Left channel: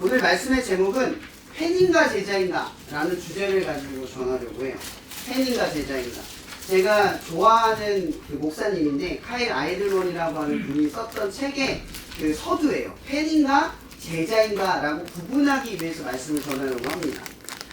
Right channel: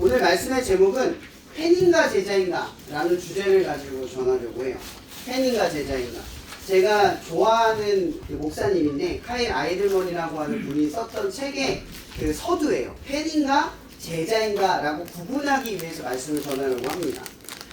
오늘 말씀의 제목은 팬인가 제자인가 라는 주제를 가지고 전하려고 해요. 팬인가 제자인가. 제가 좋아하는 그 목사님인데 카일 아이들먼이라고 하는 분이 썼던 책의 그 서두예요. 팬인가 제자인가 라고 구분하기 위해서 말씀을 전하려고 합니다.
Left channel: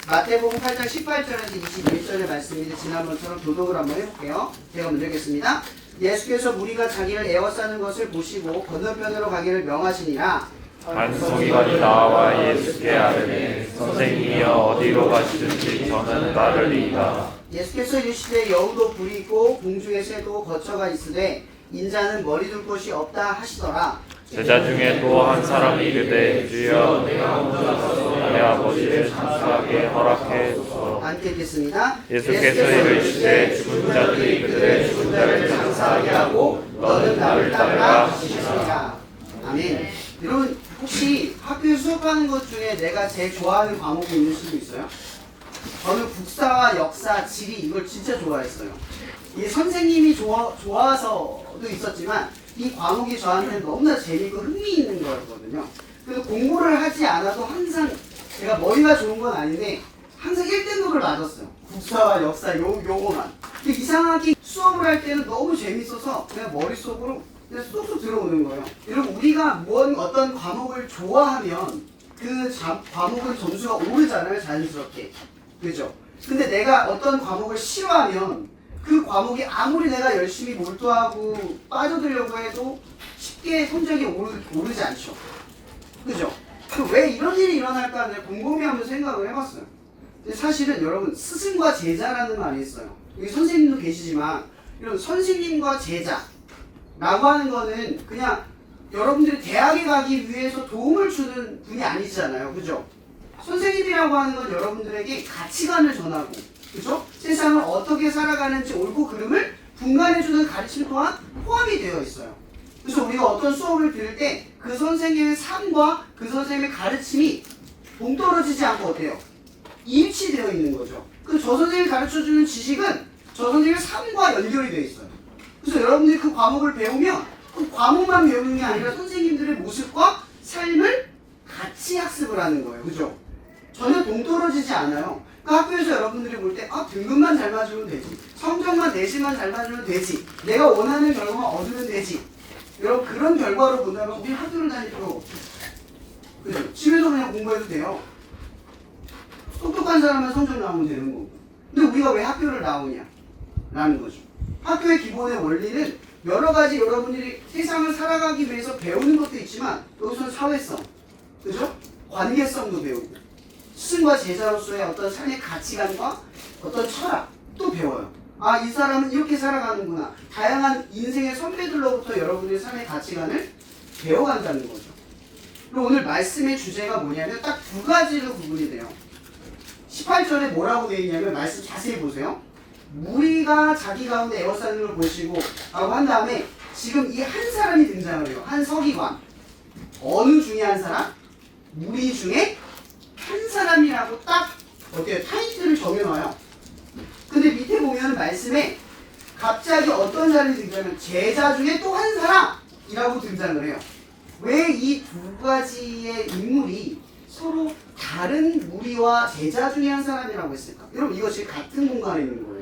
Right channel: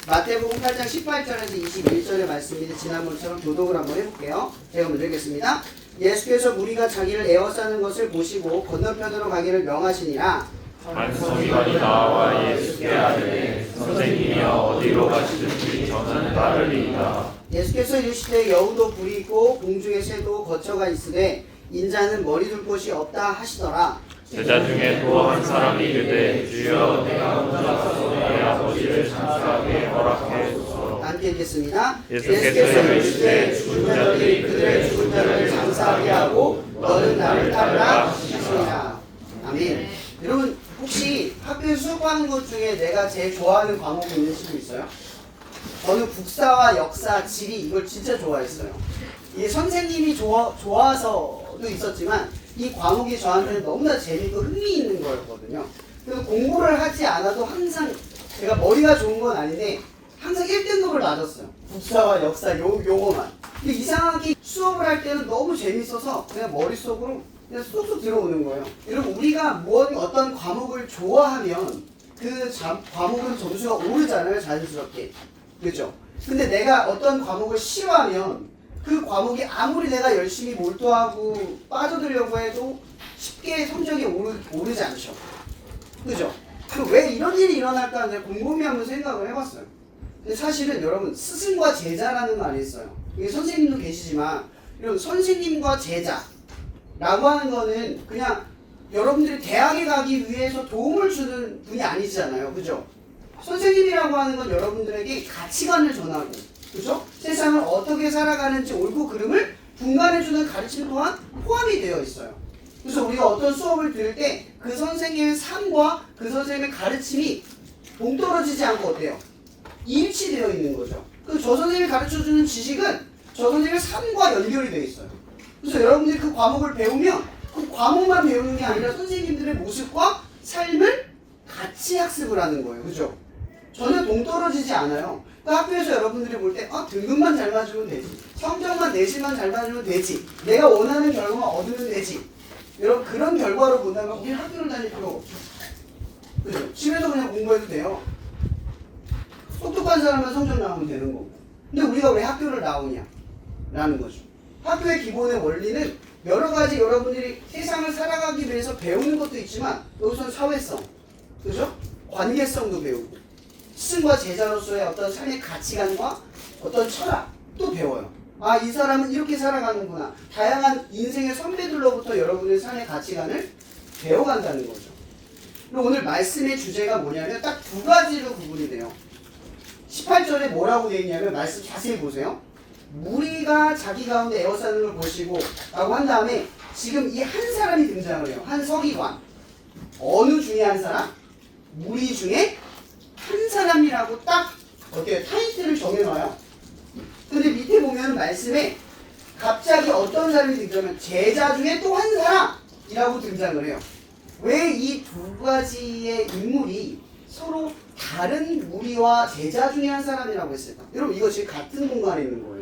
마태복음 8장 18절에서 21절의 말씀인데 지난번처럼 교독을 한번 해볼게요. 제가 먼저 읽겠습니다. 예수께서 무리가 자기를 에워싸는 것을 보시고 건너편으로 가기를 명하시니라. 한 성인이 나와 예수께 아뢰되 선생님이여 어디로 가시든지 저는 따르리이다. 예수께서 이르시되 여우도 불이 있고 공중의 새도 거처가 있으되 인자는 머리 둘 곳이 없다 하시더라. 제자 중에 또 한 사람이 이르되 주여 내가 혼자 가서 내 아버지를 장사하게 허락해 주소서. 함께 읽겠습니다. 예수께서 이르시되 죽은 자들이 그들의 죽은 자를 장사하게 하고 너는 나를 따르라 하시니라. 아멘. 여러분 혹시 학교에서 수업하는 것 중에 내가 제일 좋아하는 과목이 있는 수도 있어요? 저는 국사와 역사, 지리 이걸 진짜 좋아했어요. 이 선생님이 좋아서도 있었지만 이 과목이 저한테는 너무나 재밌고 흥미있는 거였거든요. 그래서 공부를 하지 않아도 항상 제가 머리가 좋은 건 아닌데 항상 1등급을 맞았어요. 국사와 역사 요거만. 근데 이상하게 수업을 할 때는 너무 재밌어서 그냥 머릿속으로 그냥 쏙쏙 들어오는 거예요. 여러분 우리가 어떤 과목을 좋아하면 그 과목은 점수가 오르잖아요. 자연스럽게. 그죠? 근데 내가 어떤 과목을 싫어하면 그 과목이 아무리 내가 열심히 몰두하고 빠져들려고 해도 쉽게 성적이 오르지 않죠. 그죠? 왜 이런 일이 일어날까 내가 곰곰이 한번 생각을 해봤어요. 근데 사실은 여러분 스승과 제자라는 말이 있어요. 여기 선생님도 계시지만 이런 선생님과 제자라고 하는 거는 그냥 여러분들이 대학에 가기 위해서 도움을 주는 분이 아니잖아요. 그죠? 선생님이라고 하는 건 여러분들에게 가치관을 전하고 그죠? 세상을 어떻게 살아가는지 옳고 그름을 분간해주는 가르침 또한 포함이 되어 있어요. 그래서 우리가 어떤 수업을 들을 때 그 선생님의 삶과 그 선생님의 가르침이 동떨어지지 않고 어때요? 일치되어 있는 거죠. 그래서 저 선생님이 가르쳐주는 지식은 저 선생님의 삶과 연결이 되어 있어요. 그래서 여러분들이 그 과목을 배우면 그 과목만 배우는 게 아니라 선생님들의 모습과 삶을 같이 학습을 하는 거예요. 그죠? 전혀 동떨어지지 않아요. 그러니까 학교에서 여러분들이 볼 때 등급만 잘 맞으면 되지. 성적만 내신만 잘 맞으면 되지. 내가 원하는 결과만 얻으면 되지. 여러분 그런 결과로 본다면 우리 학교를 다닐 필요 없죠. 그죠? 집에서 그냥 공부해도 돼요. 똑똑한 사람은 성적 나오면 되는 거고. 근데 우리가 왜 학교를 나오냐? 라는 거죠. 학교의 기본의 원리는 여러 가지 여러분들이 세상을 살아가기 위해서 배우는 것도 있지만 여기서는 사회성, 그죠? 관계성도 배우고 스승과 제자로서의 어떤 삶의 가치관과 어떤 철학도 배워요. 이 사람은 이렇게 살아가는구나. 다양한 인생의 선배들로부터 여러분의 삶의 가치관을 배워간다는 거죠. 그리고 오늘 말씀의 주제가 뭐냐면 딱 두 가지로 구분이 돼요. 18절에 뭐라고 되어 있냐면 말씀 자세히 보세요. 무리가 자기 가운데 에워싸는 걸 보시고 라고 한 다음에 지금 이 한 사람이 등장을 해요. 한 서기관. 어느 중에 한 사람? 무리 중에 한 사람이라고 딱 어때요? 타이틀을 정해놔요. 근데 밑에 보면 말씀에 갑자기 어떤 사람이 등장하면 제자 중에 또 한 사람이라고 등장을 해요. 왜 이 두 가지의 인물이 서로 다른 무리와 제자 중에 한 사람이라고 했을까? 여러분 이거 지금 같은 공간에 있는 거예요.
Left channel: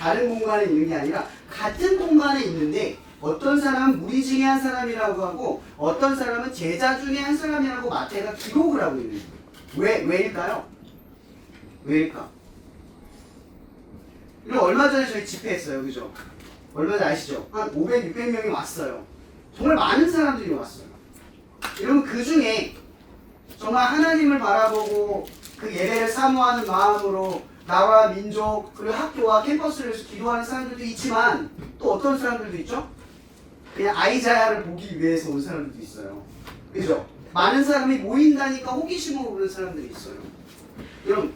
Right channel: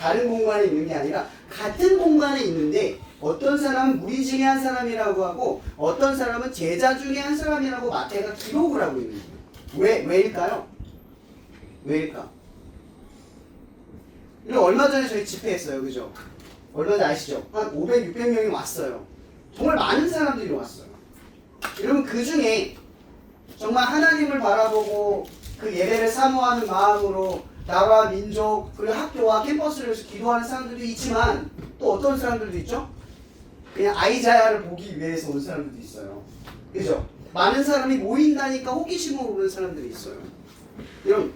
다른 공간에 있는 게 아니라 같은 공간에 있는데 어떤 사람은 무리 중에 한 사람이라고 하고 어떤 사람은 제자 중에 한 사람이라고 마태가 기록을 하고 있는 거예요. 왜일까요? 왜일까? 그리고 얼마 전에 저희 집회했어요. 그죠? 얼마 전에 아시죠? 한 500, 600명이 왔어요. 정말 많은 사람들이 왔어요. 여러분 그 중에 정말 하나님을 바라보고 그 예배를 사모하는 마음으로 나라, 민족, 그리고 학교와 캠퍼스를 위해서 기도하는 사람들도 있지만 또 어떤 사람들도 있죠? 그냥 아이자야를 보기 위해서 온 사람들도 있어요. 그죠? 많은 사람이 모인다니까 호기심으로 오는 사람들이 있어요. 여러분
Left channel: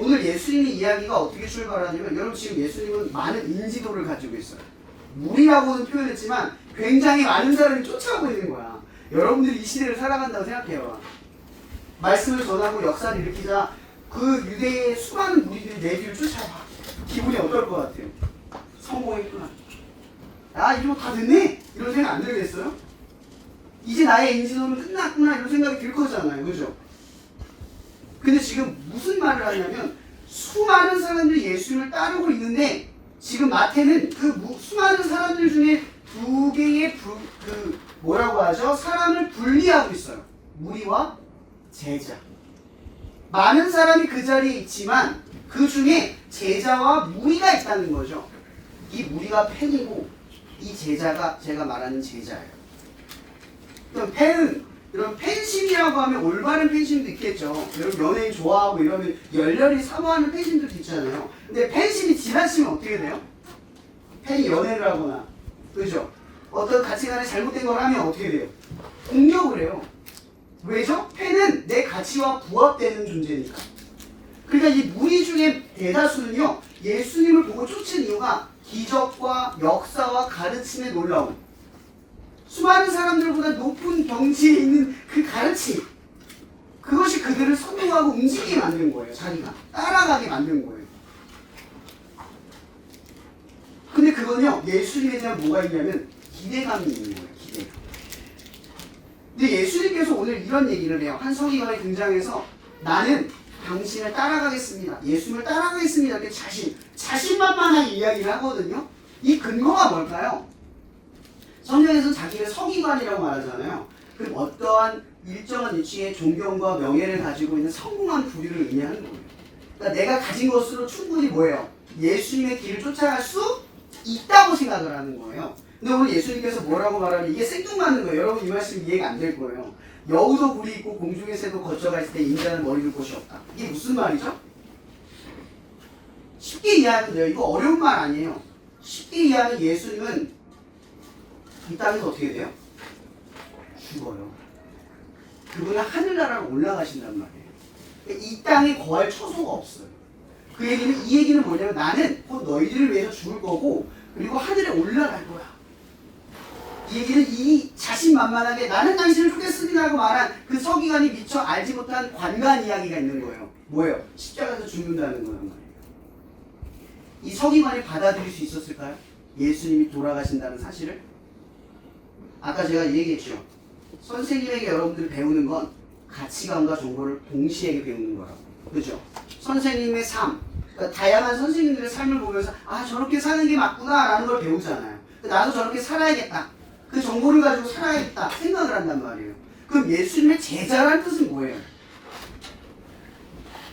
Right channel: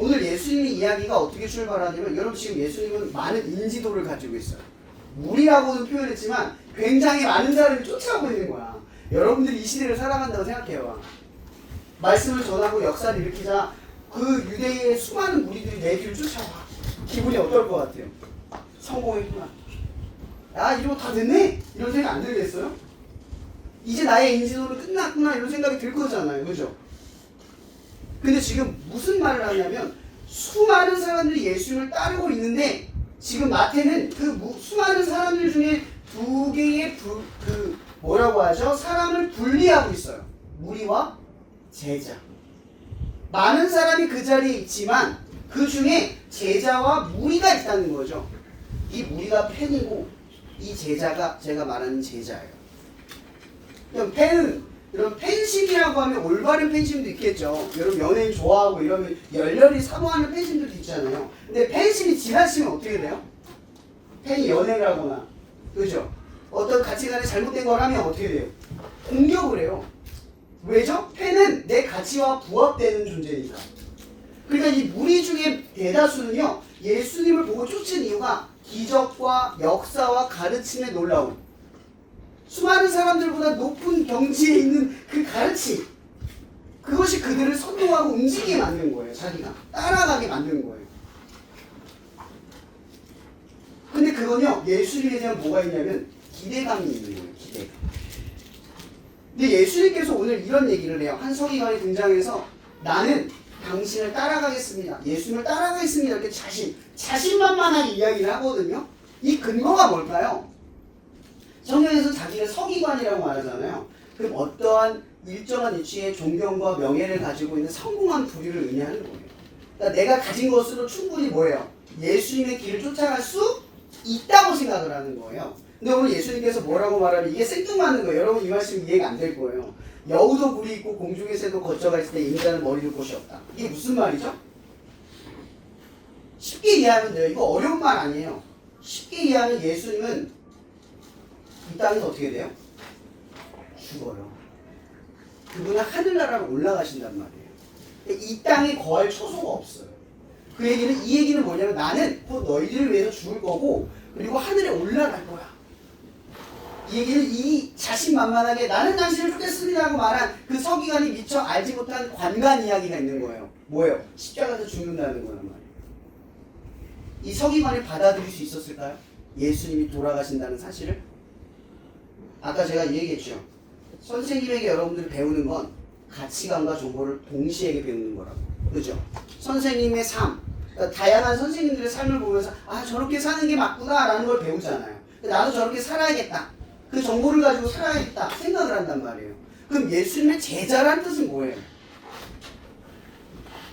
오늘 예수님의 이야기가 어떻게 출발하냐면 여러분 지금 예수님은 많은 인지도를 가지고 있어요. 무리라고는 표현했지만 굉장히 많은 사람이 쫓아오고 있는 거야. 여러분들이 이 시대를 살아간다고 생각해요. 말씀을 전하고 역사를 일으키자 그 유대의 수많은 무리들이 내 뒤를 쫓아와. 기분이 어떨 것 같아요? 성공했구나. 이러고 다 됐네? 이런 생각 안 들겠어요? 이제 나의 인지도는 끝났구나 이런 생각이 들 거잖아요. 그죠? 근데 지금 무슨 말을 하냐면 수많은 사람들이 예수님을 따르고 있는데 지금 마태는 그 수많은 사람들 중에 두 개의 뭐라고 하죠? 사람을 분리하고 있어요. 무리와 제자. 많은 사람이 그 자리에 있지만 그 중에 제자와 무리가 있다는 거죠. 이 무리가 팬이고 이 제자가 제가 말하는 제자예요. 그럼 팬은 여러분 팬심이라고 하면 올바른 팬심도 있겠죠. 여러분 연예인 좋아하고 이러면 열렬히 사모하는 팬심들도 있잖아요. 근데 팬심이 지나치면 어떻게 돼요? 팬이 연애를 하거나 그죠? 어떤 가치관에 잘못된 걸 하면 어떻게 돼요? 공격을 해요. 왜죠? 팬은 내 가치와 부합되는 존재니까. 그러니까 이 무리 중에 대다수는요 예수님을 보고 쫓은 이유가 기적과 역사와 가르침에 놀라움, 수많은 사람들보다 높은 경지에 있는 그 가르침, 그것이 그들을 선동하고 움직이게 만든 거예요. 자기가 따라가게 만든 거예요. 근데 그건요 예수님에 대한 뭐가 있냐면 기대감이 있는 거예요. 기대감. 근데 예수님께서 오늘 이런 얘기를 해요. 한 서기관이 등장해서 나는 당신을 따라가겠습니다. 예수님을 따라가겠습니다. 이렇게 자신만만하게 이야기를 하거든요. 이 근거가 뭘까요? 성경에서 자기를 서기관이라고 말하잖아요. 그럼 어떠한 일정한 위치에 존경과 명예를 가지고 있는 성공한 부류를 의미하는 거예요. 그러니까 내가 가진 것으로 충분히 뭐예요? 예수님의 길을 쫓아갈 수 있다고 생각을 하는 거예요. 근데 오늘 예수님께서 뭐라고 말하면 이게 생뚱맞는 거예요. 여러분 이 말씀 이해가 안 될 거예요. 여우도 굴이 있고 공중의 새도 거쳐가 있을 때 인자는 머리 둘 곳이 없다. 이게 무슨 말이죠? 쉽게 이해하면 돼요. 이거 어려운 말 아니에요. 쉽게 이해하면 예수님은 이 땅에서 어떻게 돼요? 죽어요. 그분은 하늘나라로 올라가신단 말이에요. 이 땅에 거할 처소가 없어요. 그 얘기는 이 얘기는 뭐냐면 나는 곧 너희들을 위해서 죽을 거고 그리고 하늘에 올라갈 거야. 이 얘기는 이 자신만만하게 나는 당신을 쫓겠습니다 하고 말한 그 서기관이 미처 알지 못한 관간 이야기가 있는 거예요. 뭐예요? 십자가에서 죽는다는 거란 말이에요. 이 서기관이 받아들일 수 있었을까요? 예수님이 돌아가신다는 사실을? 아까 제가 얘기했죠. 선생님에게 여러분들이 배우는 건 가치관과 정보를 동시에 배우는 거라고. 그죠? 선생님의 삶, 그러니까 다양한 선생님들의 삶을 보면서 아 저렇게 사는 게 맞구나 라는 걸 배우잖아요. 나도 저렇게 살아야겠다. 그 정보를 가지고 살아야겠다 생각을 한단 말이에요. 그럼 예수님의 제자란 뜻은 뭐예요?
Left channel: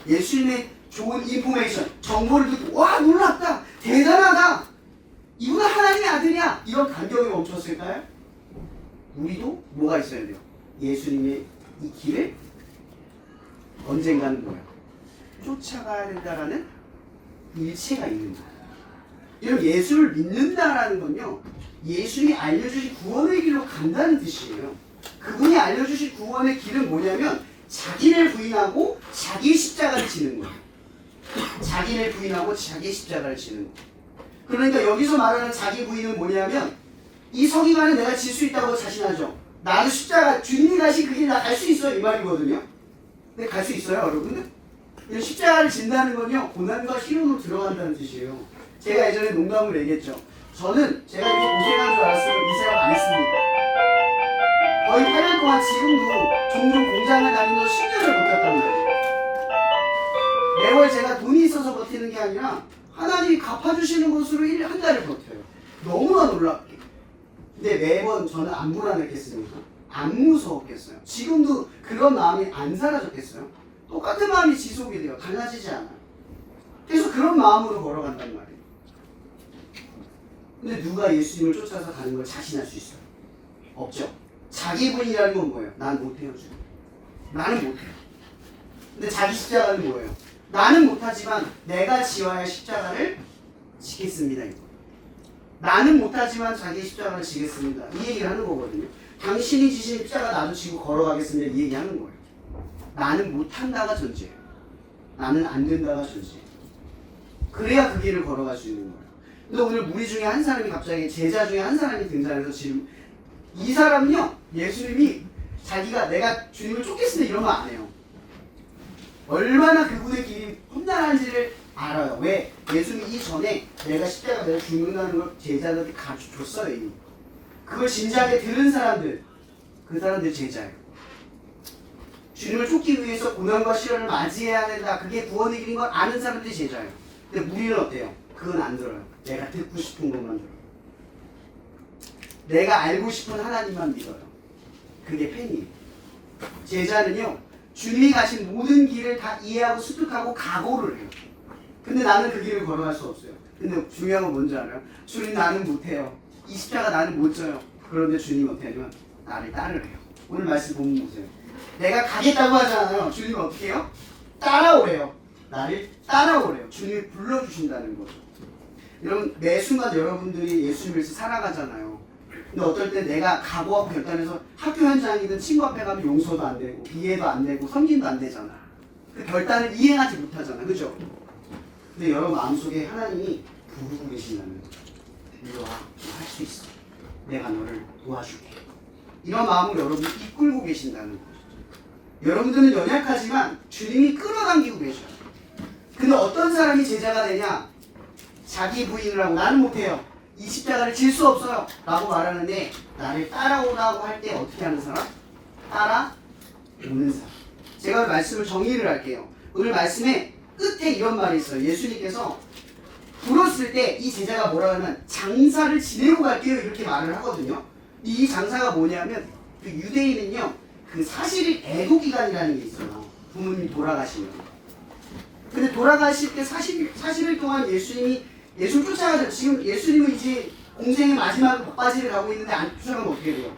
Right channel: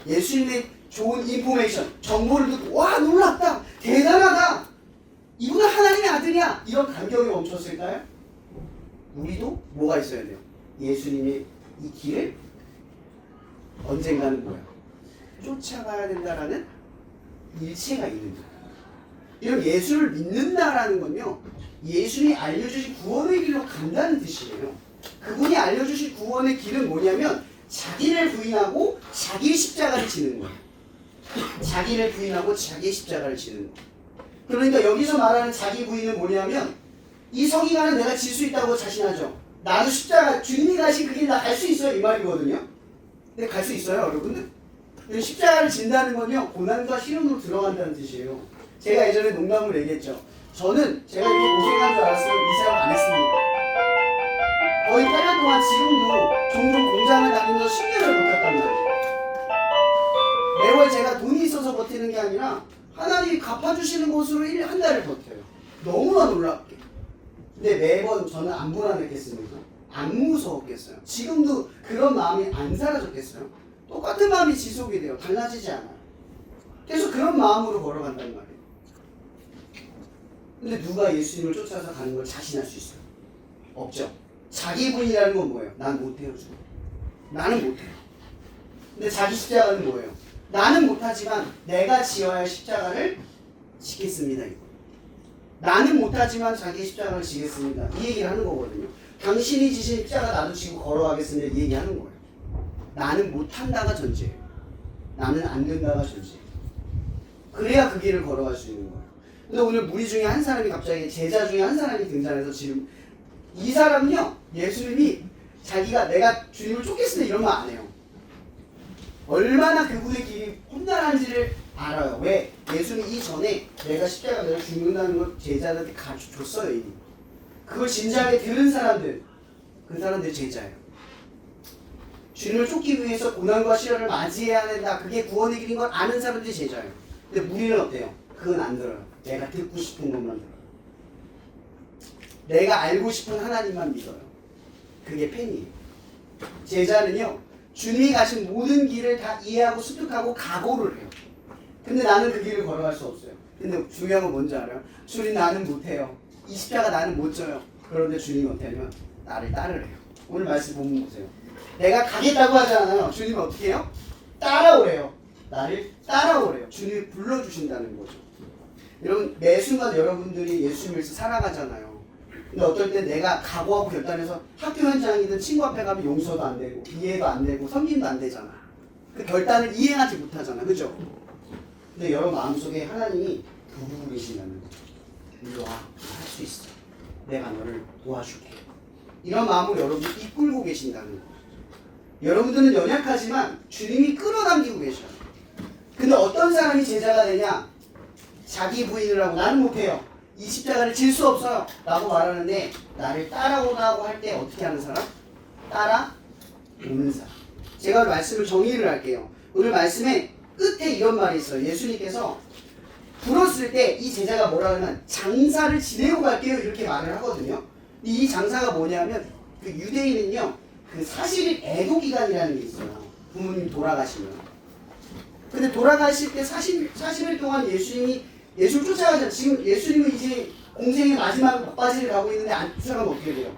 예수님의 좋은 인포메이션, 정보를 듣고 와 놀랍다, 대단하다, 이분은 하나님의 아들이야, 이런 감격이 멈췄을까요? 우리도 뭐가 있어야 돼요? 예수님의 이 길을 언젠가는 뭐야? 쫓아가야 된다라는 일체가 있는 거예요. 이런 예수를 믿는다라는 건요, 예수님이 알려주신 구원의 길로 간다는 뜻이에요. 그분이 알려주신 구원의 길은 뭐냐면 자기를 부인하고 자기의 십자가를 지는 거예요. 자기를 부인하고 자기의 십자가를 지는 거예요. 그러니까 여기서 말하는 자기 부인은 뭐냐면 이 서기관은 내가 질 수 있다고 자신하죠. 나도 십자가, 주님이 가신 그 길 나 갈 수 있어요 이 말이거든요. 근데 갈 수 있어요 여러분들? 십자가를 진다는 건요 고난과 시련으로 들어간다는 뜻이에요. 제가 예전에 농담을 얘기했죠. 저는 제가 이렇게 고생한 줄 알았으면 이 생각 안 했습니다. 거의 8년 동안 지금도 종종 공장을 다니면서 10년을 버텼답니다. 매월 제가 돈이 있어서 버티는 게 아니라 하나님이 갚아주시는 것으로 한 달을 버텨요. 너무나 놀랍게. 근데 매번 저는 안 불안했겠습니까? 안 무서웠겠어요? 지금도 그런 마음이 안 사라졌겠어요? 똑같은 마음이 지속이 돼요. 달라지지 않아요. 계속 그런 마음으로 걸어간단 말이에요. 근데 누가 예수님을 쫓아서 가는 걸 자신할 수 있어요? 없죠. 자기 부인이라는 건 뭐예요? 난 못해요 지금. 나는 못해요. 근데 자기 십자가는 뭐예요? 나는 못하지만 내가 지어야 할 십자가를 지겠습니다. 이거. 나는 못하지만 자기의 십자가를 지겠습니다. 이 얘기를 하는 거거든요. 당신이 지신 십자가 나도 지고 걸어가겠습니다. 이 얘기하는 거예요. 나는 못한다가 전제예요. 나는 안 된다가 전제예요. 그래야 그 길을 걸어갈 수 있는 거예요. 근데 오늘 무리 중에 한 사람이 갑자기 제자 중에 한 사람이 등장해서 지금 이 사람은요 예수님이 자기가 내가 주님을 쫓겠습니다 이런 말 안 해요. 얼마나 그분의 길이 험난한지를 알아요. 왜? 예수님이 이전에 내가 십자가 내가 죽는다는 걸 제자들한테 가르쳐줬어요 이미. 그걸 진지하게 들은 사람들, 그 사람들 제자예요. 주님을 쫓기 위해서 고난과 시련을 맞이해야 된다. 그게 구원의 길인 걸 아는 사람들이 제자예요. 근데 무리는 어때요? 그건 안 들어요. 내가 듣고 싶은 것만 들어요. 내가 알고 싶은 하나님만 믿어요. 그게 팬이에요. 제자는요, 주님이 가신 모든 길을 다 이해하고 습득하고 각오를 해요. 근데 나는 그 길을 걸어갈 수 없어요. 근데 중요한 건 뭔지 알아요? 주님 나는 못해요. 이 십자가 나는 못 져요. 그런데 주님이 어떻게 하냐면 나를 따르래요. 오늘 말씀 보면 보세요. 내가 가겠다고 하잖아요. 주님이 어떻게 해요? 따라오래요. 나를 따라오래요. 주님이 불러주신다는 거죠. 여러분 매 순간 여러분들이 예수님을 살아가잖아요. 근데 어떨 때 내가 각오하고 결단해서 학교 현장이든 친구 앞에 가면 용서도 안 되고 이해도 안 되고 섬김도 안 되잖아. 그 결단을 이행하지 못하잖아. 그죠? 근데 여러분 마음속에 하나님이 부르고 계신다는 거죠. 이리 와, 할 수 있어. 내가 너를 도와줄게. 이런 마음으로 여러분이 이끌고 계신다는 거죠. 여러분들은 연약하지만 주님이 끌어당기고 계셔요. 근데 어떤 사람이 제자가 되냐? 자기 부인을 하고 나는 못해요. 이 십자가를 질 수 없어요. 라고 말하는데 나를 따라오라고 할 때 어떻게 하는 사람? 따라오는 사람. 제가 말씀을 정리를 할게요. 오늘 말씀에 끝에 이런 말이 있어요. 예수님께서 불었을 때 이 제자가 뭐라 하면 장사를 지내고 갈게요. 이렇게 말을 하거든요. 이 장사가 뭐냐면 그 유대인은요. 그 사실이 애도기간이라는 게 있어요. 부모님이 돌아가시면. 근데 돌아가실 때 40일 동안 예수님을 쫓아가죠. 지금 예수님은 이제 공생의 마지막 막바지를 가고 있는데 안 쫓아가면 어떻게 돼요?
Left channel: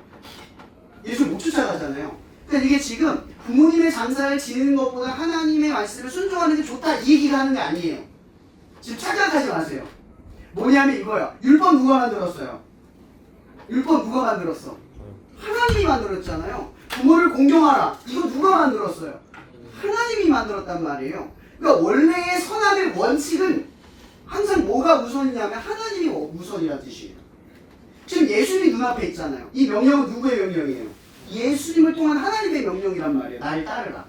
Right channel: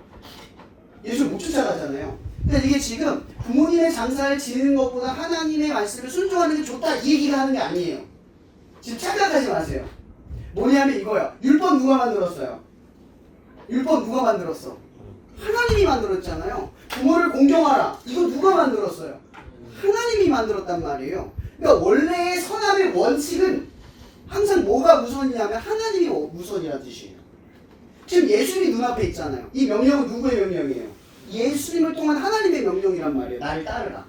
예수를 못 쫓아가잖아요. 그러니까 이게 지금 부모님의 장사를 지내는 것보다 하나님의 말씀을 순종하는 게 좋다 이 얘기를 하는 게 아니에요. 지금 착각하지 마세요. 뭐냐면 이거야. 율법 누가 만들었어요? 율법 누가 만들었어? 하나님이 만들었잖아요. 부모를 공경하라. 이거 누가 만들었어요? 하나님이 만들었단 말이에요. 그러니까 원래의 선함의 원칙은 항상 뭐가 우선이냐면 하나님이 우선이라는 뜻이에요. 지금 예수님이 눈앞에 있잖아요. 이 명령은 누구의 명령이에요? 예수님을 통한 하나님의 명령이란 말이에요. 나를 따르라.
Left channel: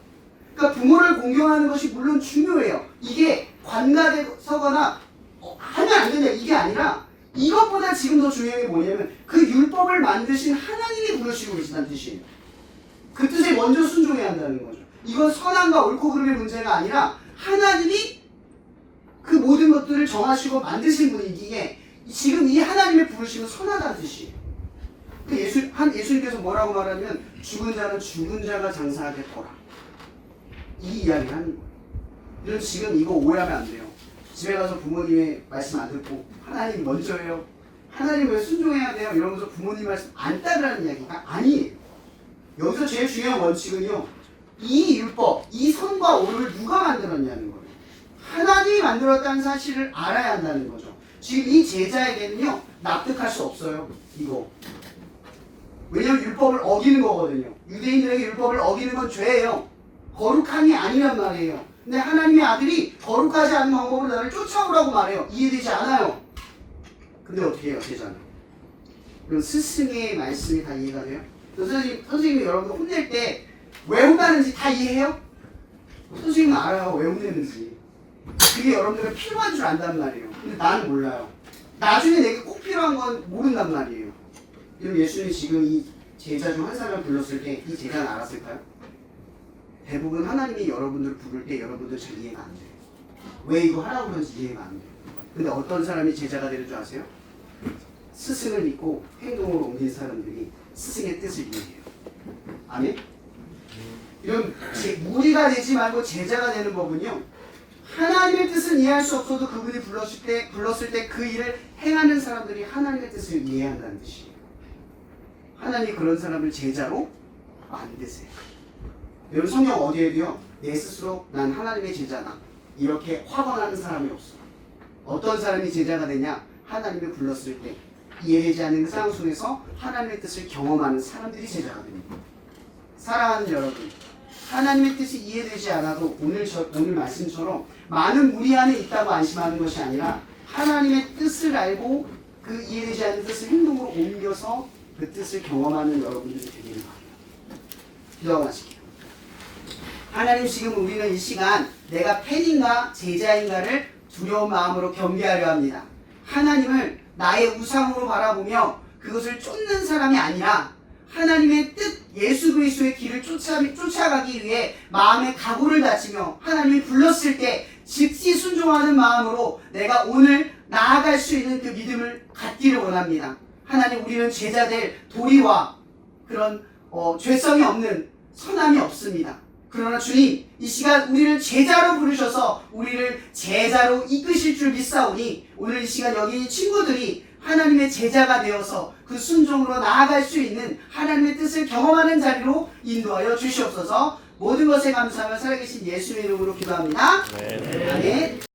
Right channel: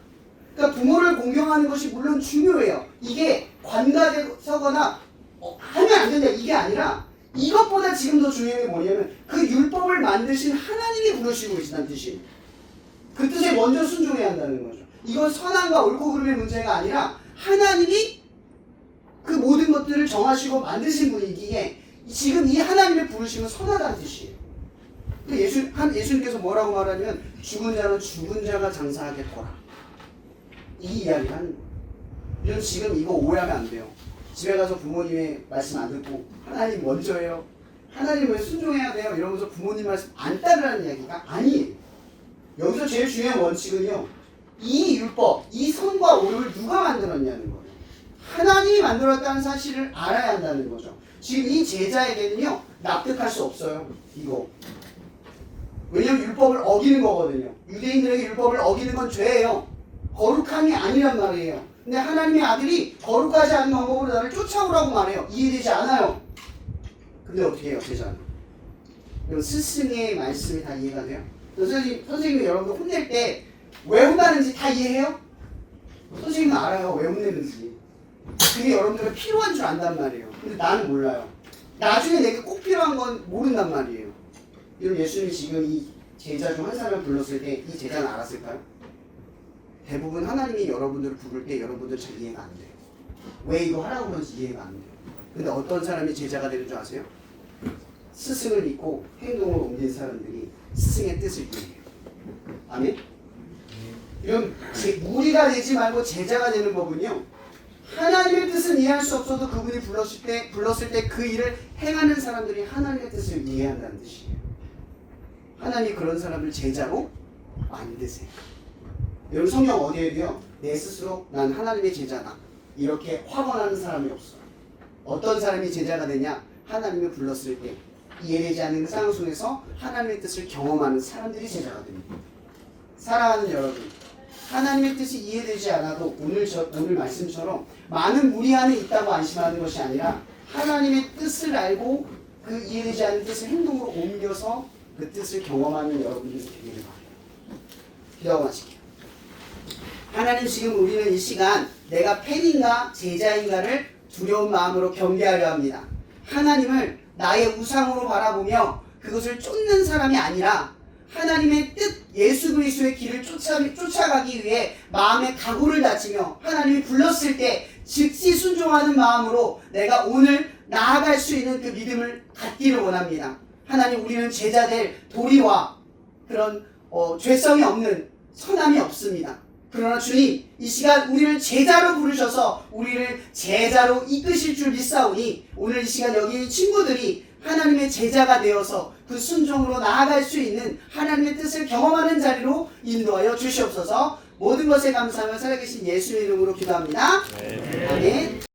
그러니까 부모를 공경하는 것이 물론 중요해요. 이게 관가되거나 하면 안 된다 이게 아니라 이것보다 지금 더 중요한 게 뭐냐면 그 율법을 만드신 하나님이 부르시고 계시다는 뜻이에요. 그 뜻에 먼저 순종해야 한다는 거죠. 이건 선함과 옳고 그름의 문제가 아니라 하나님이 그 모든 것들을 정하시고 만드신 분이기에 지금 이 하나님의 부르심은 선하다는 뜻이에요. 예수님께서 뭐라고 말하냐면 죽은 자는 죽은 자가 장사하겠더라. 이 이야기를 하는 거예요. 그래서 지금 이거 오해하면 안 돼요. 집에 가서 부모님의 말씀 안 듣고 하나님 먼저예요. 하나님 왜 순종해야 돼요? 이러면서 부모님 말씀 안 따르라는 이야기가 아니에요. 여기서 제일 중요한 원칙은요. 이 율법, 이 선과 오를 누가 만들었냐는 거예요. 하나님이 만들었다는 사실을 알아야 한다는 거죠. 지금 이 제자에게는요. 납득할 수 없어요. 이거. 왜냐하면 율법을 어기는 거거든요. 유대인들에게 율법을 어기는 건 죄예요. 거룩함이 아니란 말이에요. 근데 하나님의 아들이 거룩하지 않은 방법으로 나를 쫓아오라고 말해요. 이해되지 않아요. 근데 어떻게 해요? 제자는. 그럼 스승의 말씀이 다 이해가 돼요? 선생님이 여러분들 혼낼 때 왜 혼나는지 다 이해해요? 선생님은 알아요. 왜 혼내는지. 그게 여러분들은 필요한 줄 안단 말이에요. 근데 나는 몰라요. 나중에 내가 꼭 필요한 건 모른단 말이에요. 그럼 예수님이 지금 이 제자 중 한 사람을 불렀을 때 이 제자는 알았을까요? 대부분 하나님이 여러분들을 부를 때 여러분들 잘 이해가 안 돼요. 왜 이거 하라고 그러는지 이해가 안 돼요. 근데 어떤 사람이 제자가 되는 줄 아세요? 스승을 믿고 행동으로 옮긴 사람들이 스승의 뜻을 이해해요. 아멘? 이런 무리가 되지 말고 제자가 되는 법은요. 하나님의 뜻은 이해할 수 없어도 그분이 불렀을 때 그 일을 행하는 사람들이 하나님의 뜻을 이해한다는 뜻이에요. 하나님이 그런 사람을 제자로 만드세요. 여러분 성경 어디에도요. 내 스스로 난 하나님의 제자다. 이렇게 확언하는 사람이 없어요. 어떤 사람이 제자가 되냐? 하나님을 불렀을 때 이해되지 않는 상황 속에서 하나님의 뜻을 경험하는 사람들이 제자가 됩니다. 사랑하는 여러분, 하나님의 뜻이 이해되지 않아도 오늘 말씀처럼 많은 무리 안에 있다고 안심하는 것이 아니라 하나님의 뜻을 알고 그 이해되지 않는 뜻을 행동으로 옮겨서 그 뜻을 경험하는 여러분들이 되기를 바랍니다. 기도하고 마실게요. 하나님 지금 우리는 이 시간 내가 팬인가 제자인가를 두려운 마음으로 경계하려 합니다. 하나님을 나의 우상으로 바라보며 그것을 쫓는 사람이 아니라 하나님의 뜻 예수 그리스도의 길을 쫓아가기 위해 마음의 각오를 다지며 하나님이 불렀을 때 즉시 순종하는 마음으로 내가 오늘 나아갈 수 있는 그 믿음을 갖기를 원합니다. 하나님, 우리는 제자될 도리와 그런 죄성이 없는 선함이 없습니다. 그러나 주님, 이 시간 우리를 제자로 부르셔서 우리를 제자로 이끄실 줄 믿사오니 오늘 이 시간 여기 친구들이 하나님의 제자가 되어서 그 순종으로 나아갈 수 있는 하나님의 뜻을 경험하는 자리로 인도하여 주시옵소서. 모든 것에 감사하며 살아계신 예수의 이름으로 기도합니다. 아멘.